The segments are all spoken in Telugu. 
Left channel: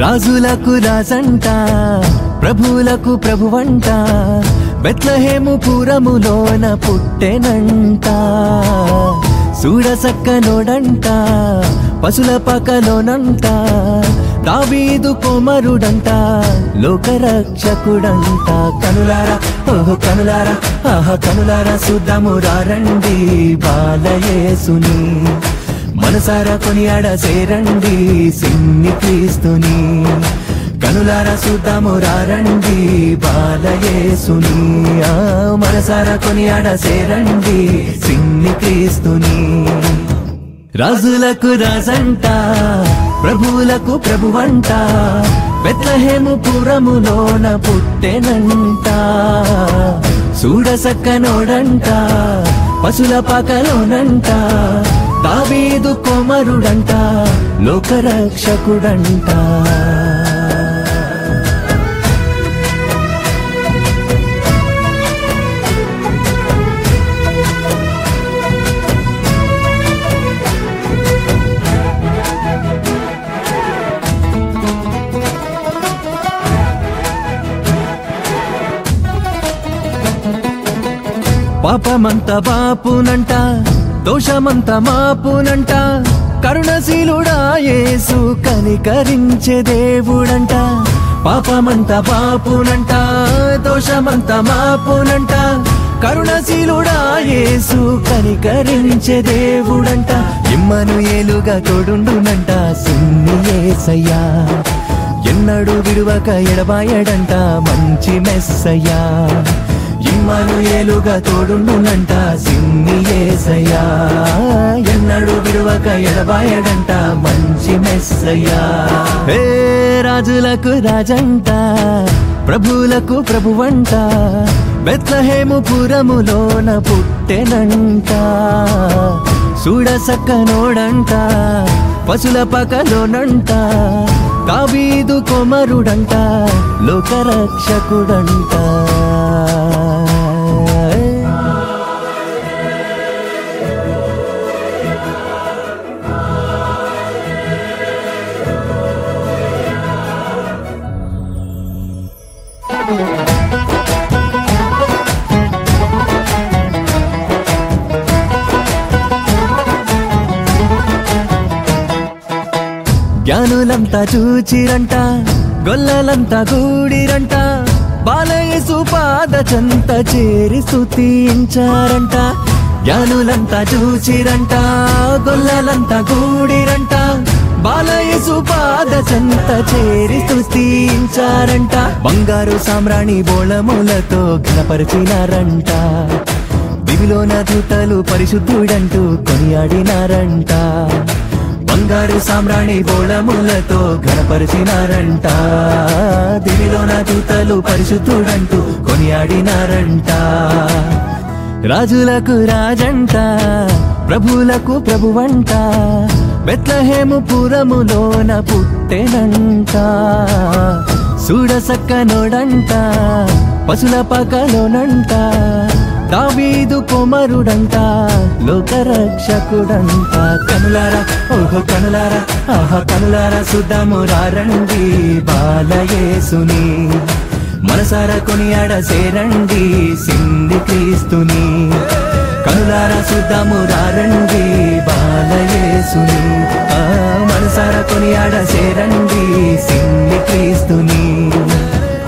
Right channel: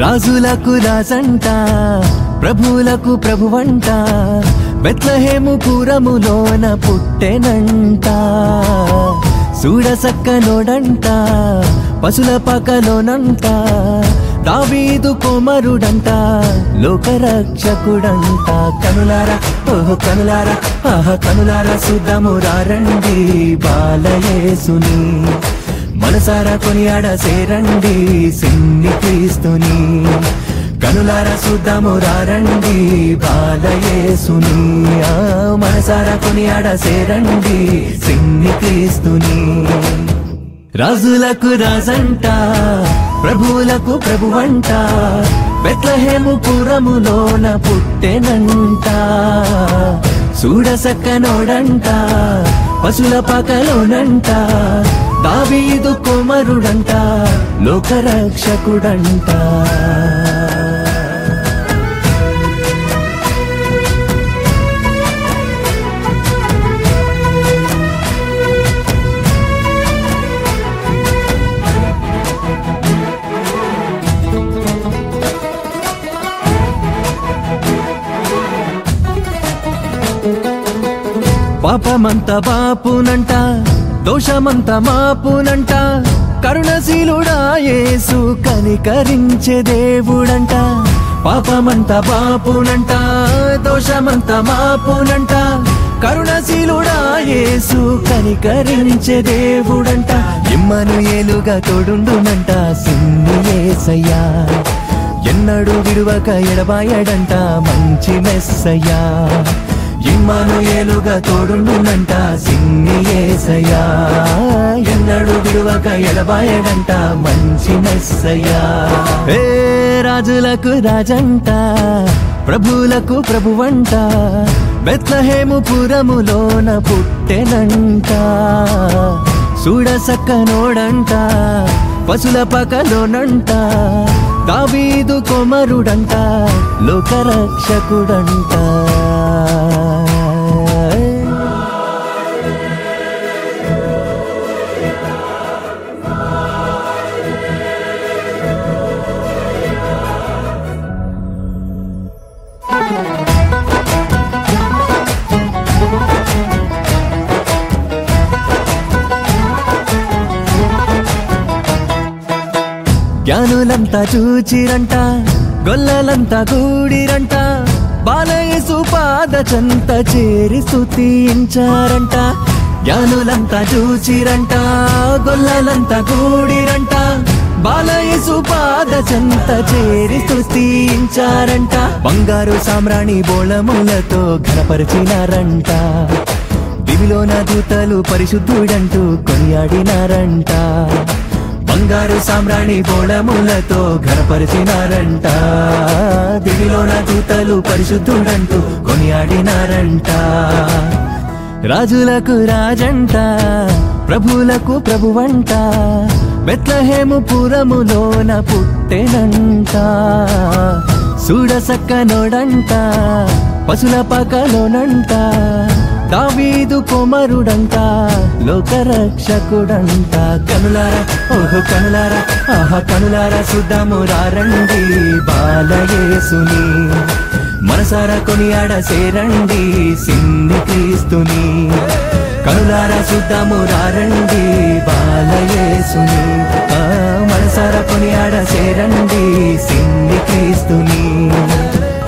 రాజులకు రాజంట ప్రభువులకు ప్రభువంట బెత్లెహేము పురములోన పుట్టెనంట చూడసక్కనోడంట పశుల పాకలోనంట దావీదు కుమారుడంట లోకరక్షకుడంట కనులారా ఓహో కనులారా ఆహా కనులారా చూద్దాము రండి బాలయేసుని మనసారా కొనియాడ సేరండి సిన్ని క్రీస్తుని కనులారా చూద్దాము రండి బాలయేసుని మనసారా కొనియాడ సేరండి సిన్ని క్రీస్తుని రాజులకు రాజంట ప్రభువులకు ప్రభువంట బెత్లెహేము పురములోన పుట్టెనంట చూడసక్కనోడంట పశుల పాకలోనంట దావీదు కుమారుడంట లోకరక్షకుడంట పాపమంత బాపునంట దోషమంత మాపునంట కరుణశీలుడా యేసు కనికరించే దేవుడంట పాపమంత బాపునంట దోషమంత మాపునంట కరుణశీలుడా యేసు కనికరించే దేవుడంట ఇమ్మనుయేలుగా తోడుండునంట సిన్ని యేసయ్యా ఎన్నడూ విడువక ఎడబాయడంట మంచి మెస్సయ్యా ఇమ్మనుయేలుగా తోడుండునంట సిన్ని యేసయ్యా ఎన్నడూ విడువక ఎడబాయడంట మంచి మెస్సయ్యా ఏ రాజులకు రాజంట ప్రభువులకు ప్రభువంట బెత్లెహేము పురములోన పుట్టెనంట చూడసక్కనోడంట పశుల పాకలోనంట దావీదు కుమారుడంట లోకరక్షకుడంట జ్ఞానులంతా చూచిరంట గొల్లలంతా గూడిరంట బాలయేసు పాద చెంత చేరి స్తుతించారంట జ్ఞానులంతా చూచిరంట గొల్లలంతా గూడిరంట బాలయేసు పాద చెంత చేరి స్తుతించారంట బంగారు సామ్రాణి బోళములతో ఘనపరిచినారంట దివిలోన దూతలు పరిశుద్ధుడంటూ కొనియాడినారంట బంగారు సామ్రాణి బోళములతో ఘనపరిచినారంట దివిలోన దూతలు పరిశుద్ధుడంటూ కొనియాడినారంట రాజులకు రాజంట ప్రభువులకు ప్రభువంట బెత్లెహేము పురములోన పుట్టెనంట చూడసక్కనోడంట పశుల పాకలోనంట దావీదు కుమారుడంట లోకరక్షకుడంట కనులారా ఓహో కనులారా ఆహా కనులారా చూద్దాము రండి బాలయేసుని మనసారా కొనియాడ సేరండి సిన్ని క్రీస్తుని కనులారా చూద్దాము రండి బాలయేసుని మనసారా కొనియాడ సేరండి సిన్ని క్రీస్తుని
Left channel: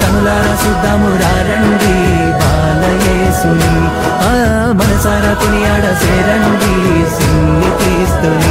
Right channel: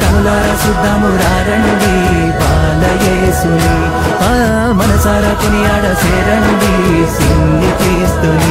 కనులారా చూద్దాము రండి బాలయేసుని మనసారా కొనియాడ సేరండి సిన్ని క్రీస్తుని